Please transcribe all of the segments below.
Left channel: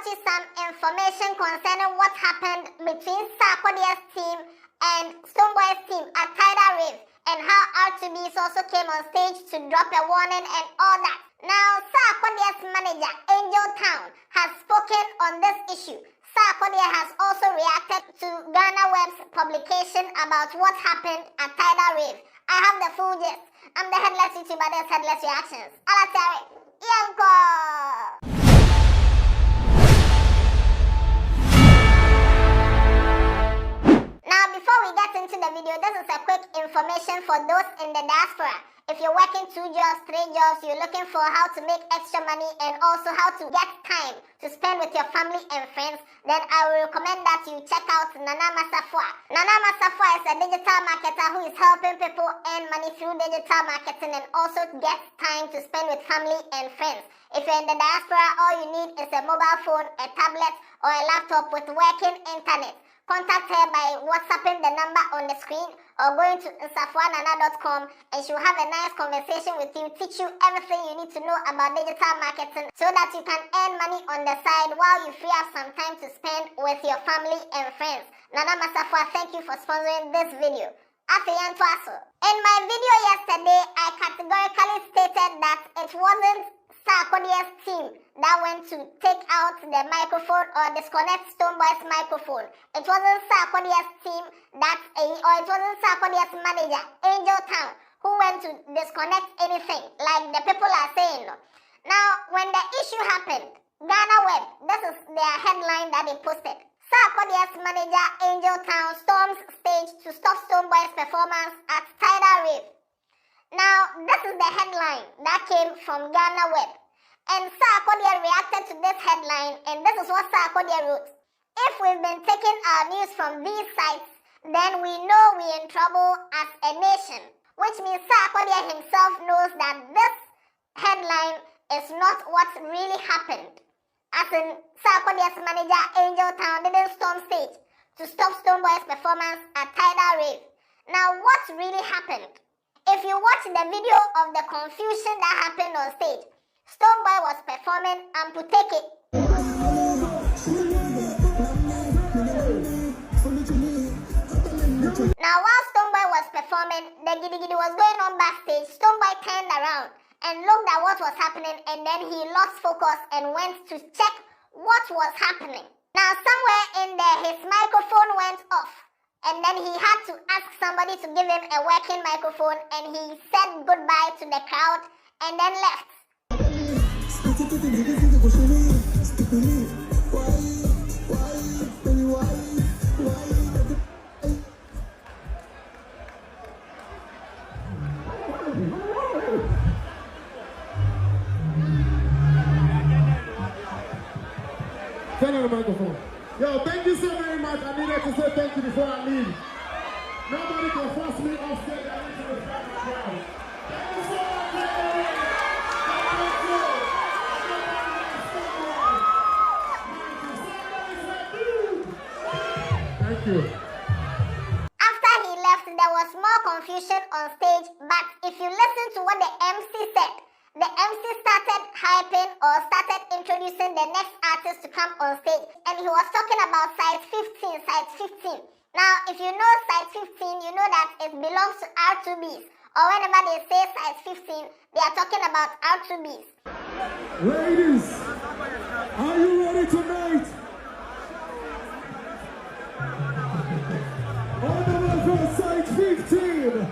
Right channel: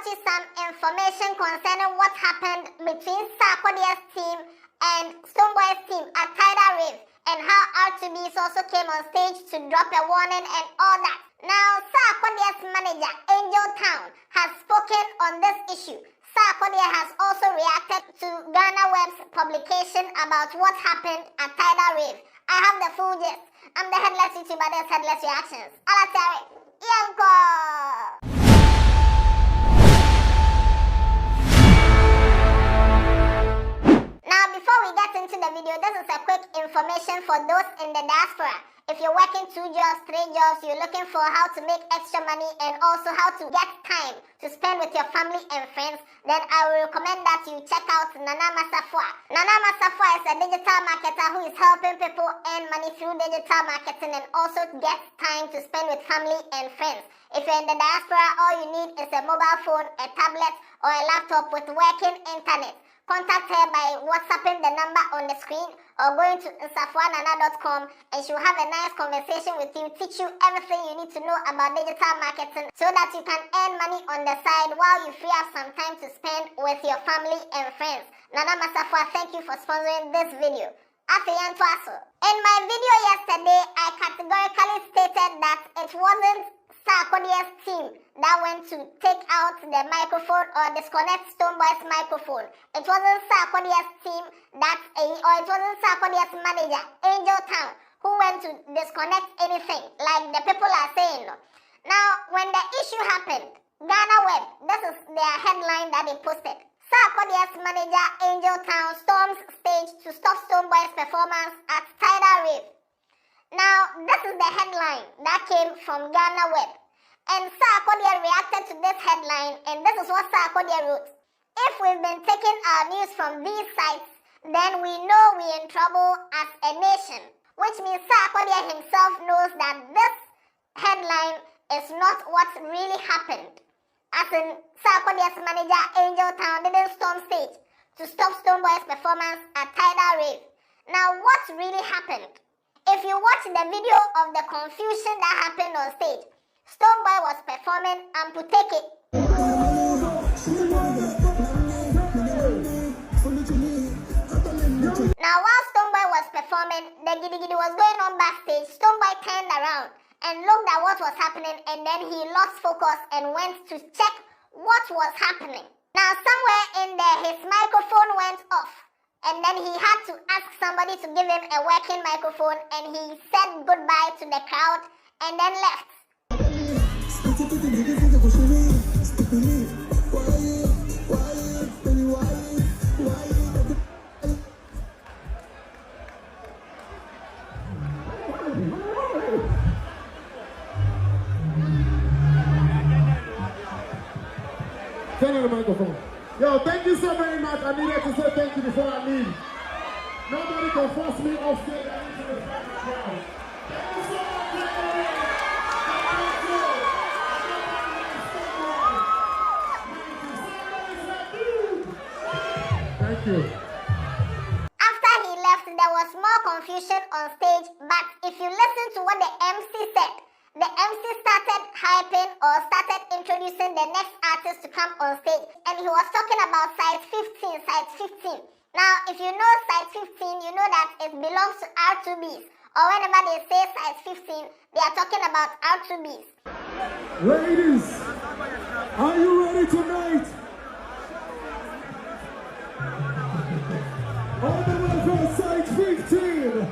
brought you some information concerning what happened between Sarkodie's team and Stonebwoy's team at Tidal Rave, and how R2Bees also came on stage to drop a warning and all that. Now, Sarkodie's manager, Angel Town, has spoken on this issue. Sarkodie has also reacted to Ghana Web's publication about what happened at Tidal Rave. I have the full gist. I'm the Headless YouTuber, this Headless Reactions. Alatari, Yanko! Now, before we get into the video, this is a quick information for those in the diaspora. If you're working 2 jobs, 3 jobs, you're looking for how to make extra money and also how to get time to spend with your family and friends, then I will recommend that you check out Nana Masafwa. Nana Masafwa is a digital marketer who is helping people earn money through digital marketing and also get time to spend with family and friends. If you're in the diaspora, all you need is a mobile phone, a tablet, or a laptop with working internet. Contact her by WhatsApping the number on the screen or going to nsafwanana.com, and she'll have a nice conversation with you, teach you everything you need to know about digital marketing so that you can earn money on the side while you free up some time to spend with your family and friends. Nana Masafwa, thank you for sponsoring this video. In my video yesterday, I categorically stated that it wasn't Sarkodie's team that went to take out the microphone or disconnect Stonebwoy's microphone. It wasn't Sarkodie's team or it wasn't Sarkodie's manager, Angel Town, who went to disconnect anything, like the people are saying. Now, when the issue happened, Ghana Web, this is their headline that they posted. Sarkodie's manager, Angel Town, storms stage to stop Stonebwoy's performance at Tidal Rave. Now, this is the headline that came from Ghana Web. And Sarkodie reacted to this headline, and this is what Sarkodie wrote. If we've been taking our news from these sites, then we know we're in trouble as a nation. Which means Sarkodie himself knows that this headline is not what really happened. As in, Sarkodie's manager, Angel Town, didn't storm stage to stop Stonebwoy's performance at Tidal Rave. Now, what really happened? If you watch the video of the confusion that happened on stage, Stonebwoy was performing Amputeke. Now, while Stonebwoy was performing, the giddy giddy was going on backstage. Stonebwoy turned around and looked at what was happening, and then he lost focus and went to check what was happening. Now, somewhere in there, his microphone went off. And then he had to ask somebody to give him a working microphone, and he said goodbye to the crowd and then left. Turn on the microphone. Yo, thank you so very much. I needed to say thank you before I leave. Nobody can force me off stage. I need to respect my crowd. Thank you so much, everybody. Thank you. After he left, there was more confusion on stage, but if you listen to what the MC said, the MC started hyping or started introducing the next artist to come on stage, and he was talking about site 15. Now, if you know site 15, you know that it belongs to R2Bees, or whenever they say site 15, they are talking about R2Bees. Ladies, are you ready tonight? On the way for site 15.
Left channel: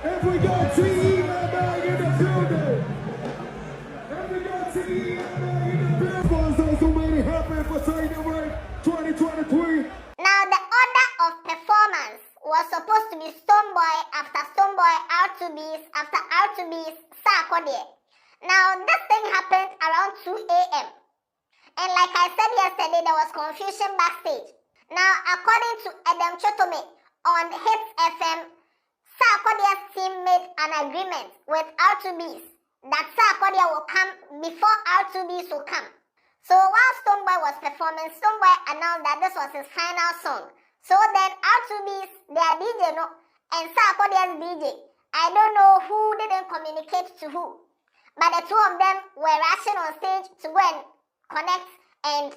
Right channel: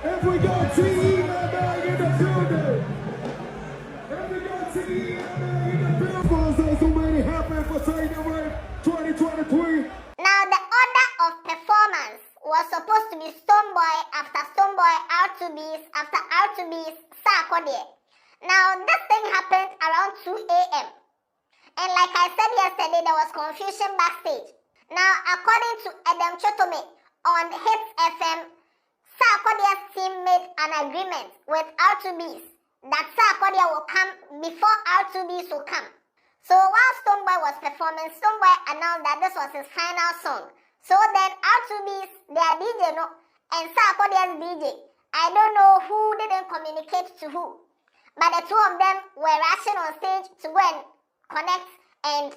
If we got TEMA in the building. If we got TEMA in the building. Sponsors who made it happen for Tidal Rave 2023. Now, the order of performance was supposed to be Stonebwoy, after Stonebwoy, R2Bees, after R2Bees, Sarkodie. Now, this thing happened around 2 a.m. And like I said yesterday, there was confusion backstage. Now, according to Edem Tsotorme on HitzFM, Sarkodie's team made an agreement with R2Bees that Sarkodie will come before R2Bees will come. So while Stonebwoy was performing, Stonebwoy announced that this was his final song. So then R2Bees, their DJ, and Sarkodie's DJ, I don't know who didn't communicate to who. but the two of them were rushing on stage to go and connect and,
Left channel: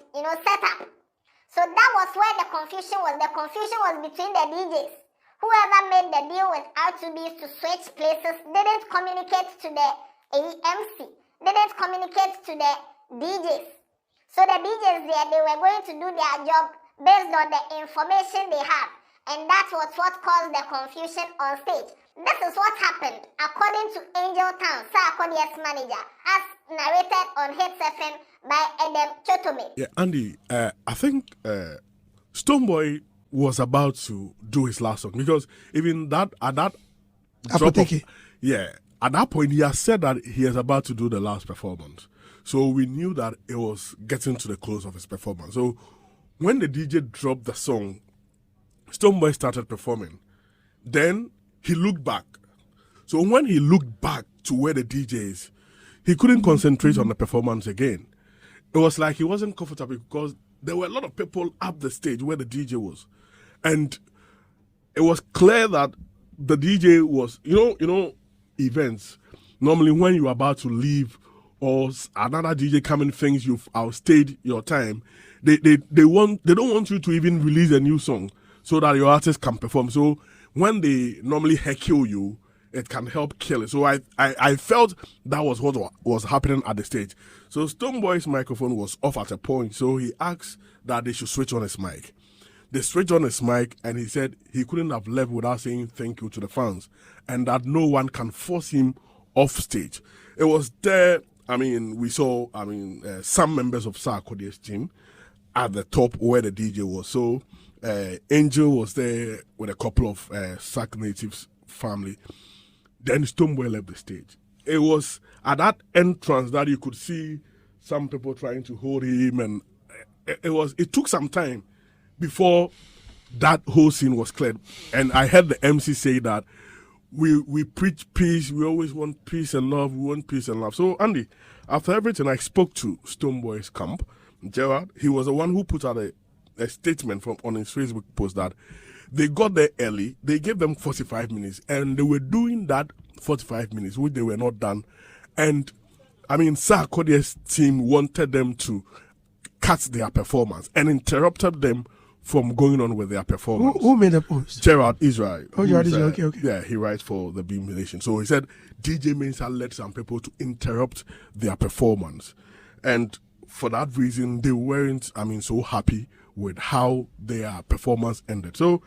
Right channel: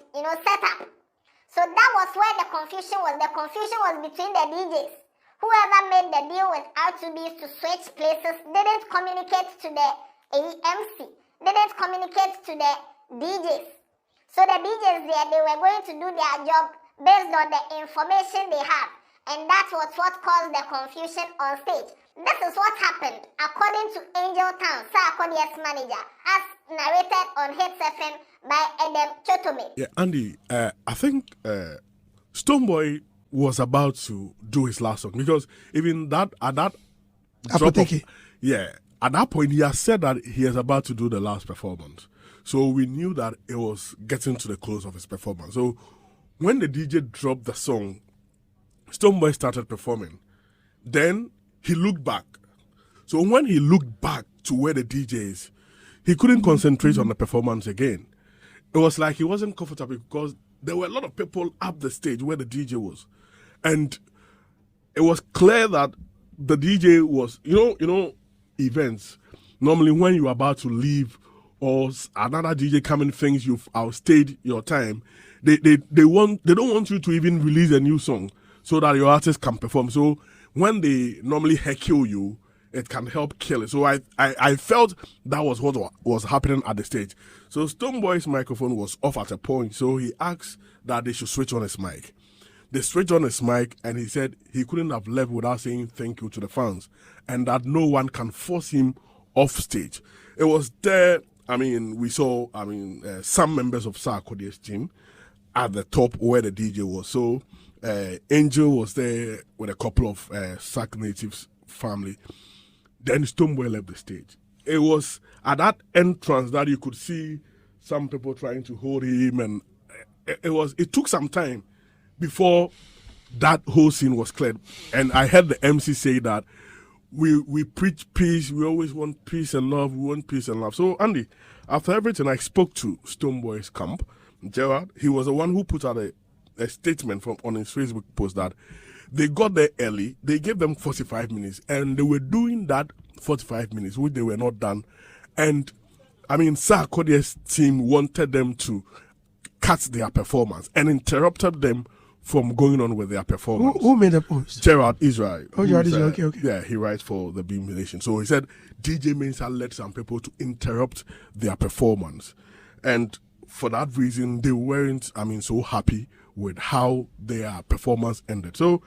set up. So that was where the confusion was. The confusion was between the DJs. Whoever made the deal with R2Bees to switch places didn't communicate to the AMC, didn't communicate to the DJs. So the DJs there, they were going to do their job based on the information they have. And that was what caused the confusion on stage. This is what happened according to Angel Town, Sarkodie's manager, as narrated on HitzFM by Edem Tsotorme. Yeah, Andy, I think Stonebwoy was about to do his last song because even that at that drop of, at that point he has said that he is about to do the last performance. So we knew that it was getting to the close of his performance. So when the DJ dropped the song, Stonebwoy started performing. Then he looked back. So when he looked back to where the DJ is, he couldn't concentrate on the performance again. It was like he wasn't comfortable because there were a lot of people up the stage where the DJ was. And it was clear that the DJ was, events. Normally when you're about to leave or another DJ coming thinks you've outstayed your time, they don't want you to even release a new song so that your artist can perform. So when they normally heckle you, it can help kill it. So I felt that was what was happening at the stage. So Stonebwoy's microphone was off at a point, so he asked that they should switch on his mic. They switched on his mic, and he said he couldn't have left without saying thank you to the fans, and that no one can force him off stage. It was there, we saw, some members of Sarkodie's team at the top where the DJ was. So Angel was there with a couple of Sark natives family. Then Stonebwoy left the stage. It was at that entrance that you could see some people trying to hold him, and it took some time before that whole scene was cleared. And I heard the MC say that we preach peace, we always want peace and love, we want peace and love. So Andy, after everything, I spoke to Stonebwoy's camp, Gerard. He was the one who put out a statement on his Facebook post that they got there early, they gave them 45 minutes, and they were doing that 45 minutes, which they were not done. And Sarkodie's team wanted them to cut their performance and interrupted them from going on with their performance. Who made the post? Gerard Israel. Oh, Gerard Israel, okay. Yeah, he writes for the Beam Nation. So he said DJ Mensa led some people to interrupt their performance. And for that reason, they weren't, so happy with how their performance ended. So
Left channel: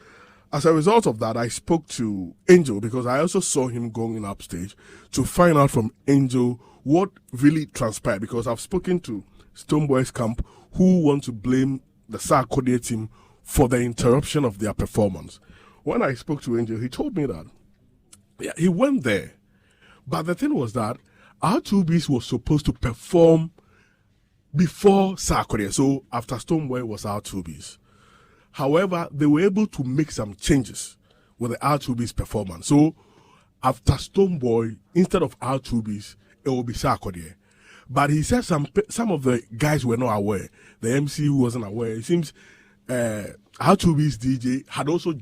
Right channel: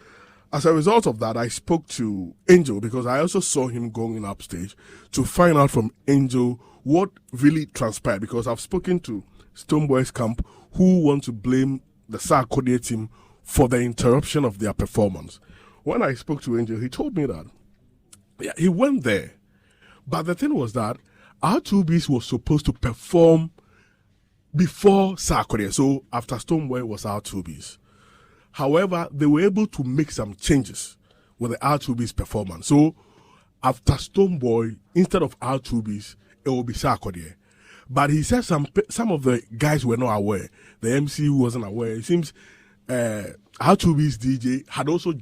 as a result of that, I spoke to Angel because I also saw him going upstage to find out from Angel what really transpired, because I've spoken to Stonebwoy's camp who want to blame the Sarkodie team for the interruption of their performance. When I spoke to Angel, he told me that he went there, but the thing was that R2Bees was supposed to perform before Sarkodie, so after Stonebwoy was R2Bees. However, they were able to make some changes with the R2Bees performance. So after Stonebwoy, instead of R2Bees, it will be Sarkodie. But he said some of the guys were not aware. The MC wasn't aware. It seems R2Bees DJ had also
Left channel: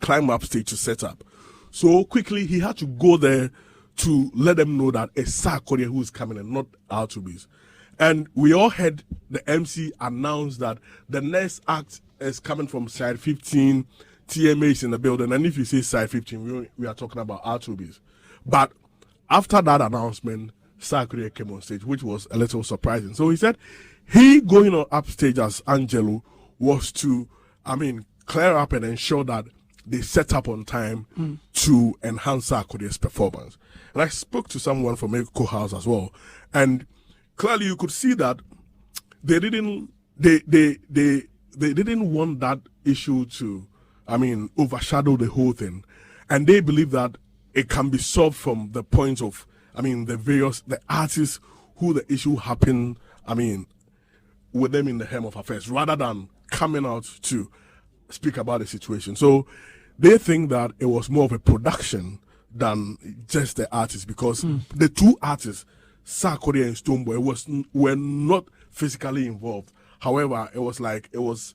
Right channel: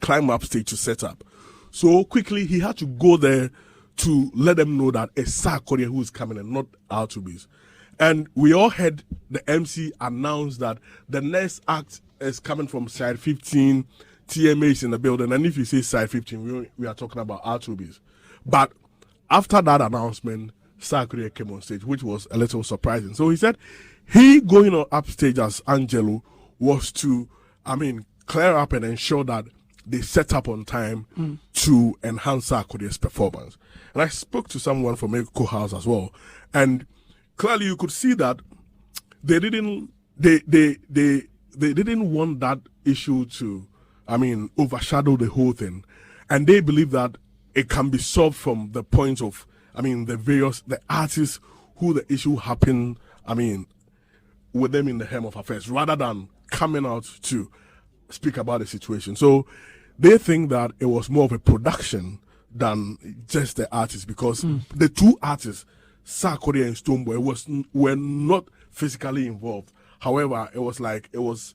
climbed up stage to set up. So quickly he had to go there to let them know that it's Sarkodie who is coming and not R2Bees. And we all heard the MC announce that the next act is coming from side 15, TMA is in the building. And if you say side 15, we are talking about R2Bees. But after that announcement, Sarkodie came on stage, which was a little surprising. So he said he going on upstage as Angelo was to, clear up and ensure that they set up on time to enhance Sarkodie's performance. And I spoke to someone from Echo House as well, and clearly you could see that they didn't want that issue to, overshadow the whole thing, and they believe that it can be solved from the point of, the artists who the issue happened, with them in the hem of affairs, rather than coming out to speak about the situation. So they think that it was more of a production than just the artists, because the two artists, Sarkodie and Stonebwoy, were not physically involved. However, it was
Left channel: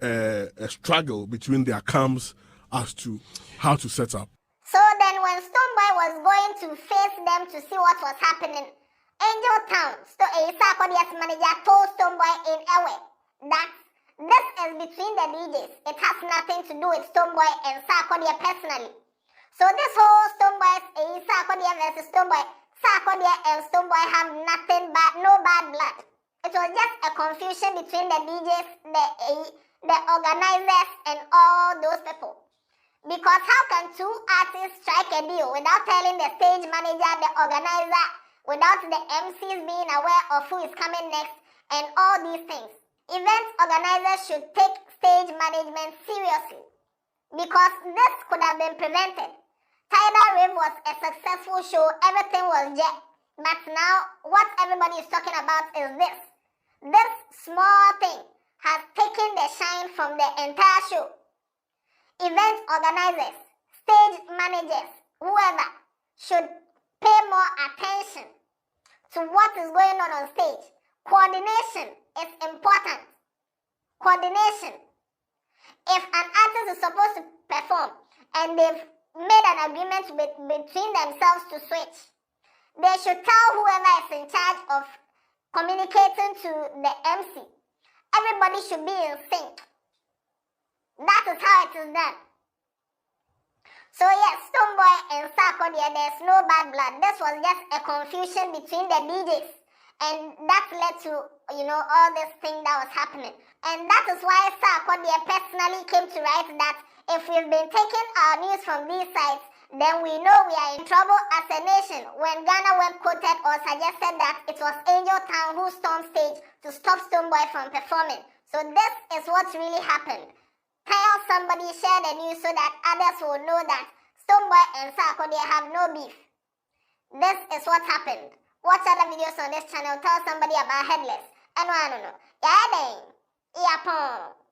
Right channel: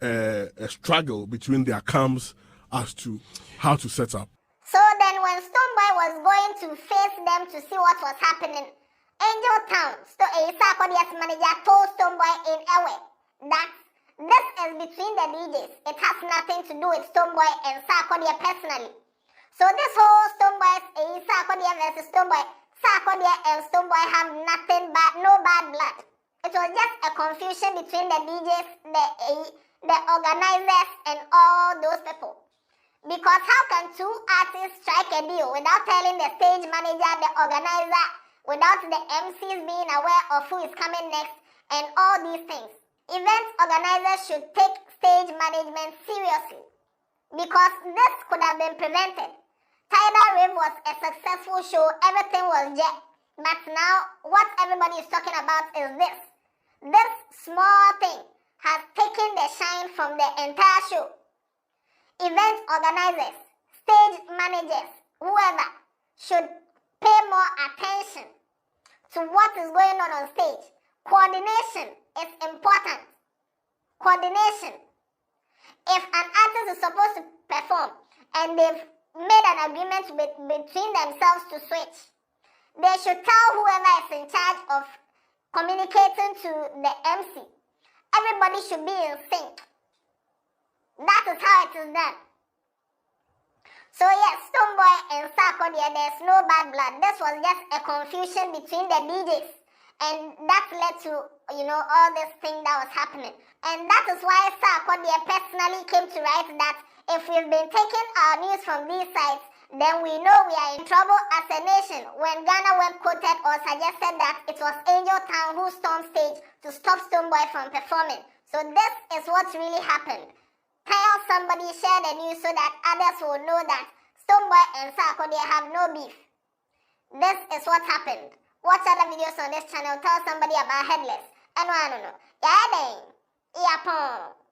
a struggle between their camps as to how to set up. So then when Stonebwoy was going to face them to see what was happening, Town, Sarkodie's manager told Stonebwoy in Ewe that this is between the DJs. It has nothing to do with Stonebwoy and Sarkodie personally. So this whole Stonebwoy's Sarkodie versus Stonebwoy, Sarkodie and Stonebwoy have nothing but no bad blood. It was just a confusion between the DJs, the organizers, and all those people. Because how can two artists strike a deal without telling the stage manager, the organizer, without the MCs being aware of who is coming next, and all these things? Event organizers should take stage management seriously, because this could have been prevented. Tidal Rave was a successful show, everything was jet. But now, what everybody is talking about is this. This small thing has taken the shine from the entire show. Event organizers, stage managers, whoever, should pay more attention to what is going on stage. Coordination is important. Coordination. If an artist is supposed to perform and they've made an agreement between themselves to switch, they should tell whoever is in charge of communicating to the MC. Everybody should be in sync. That is how it is done. So yes, Stonebwoy and Sarkodie, there's no bad blood. This was just a confusion between the DJs. And that led to, all this thing that was happening. And that is why Sarkodie personally came to write that if we've been taking our news from these sites, then we know we are in trouble as a nation. When Ghana Web quoted or suggested that it was Angel Town who stormed stage to stop Stonebwoy from performing. So this is what really happened. Tell somebody, share the news so that others will know that Stonebwoy and Sarkodie have no beef. This is what happened. Watch other videos on this channel. Tell somebody about Headless. And I don't know. Yeah, then. Yeah,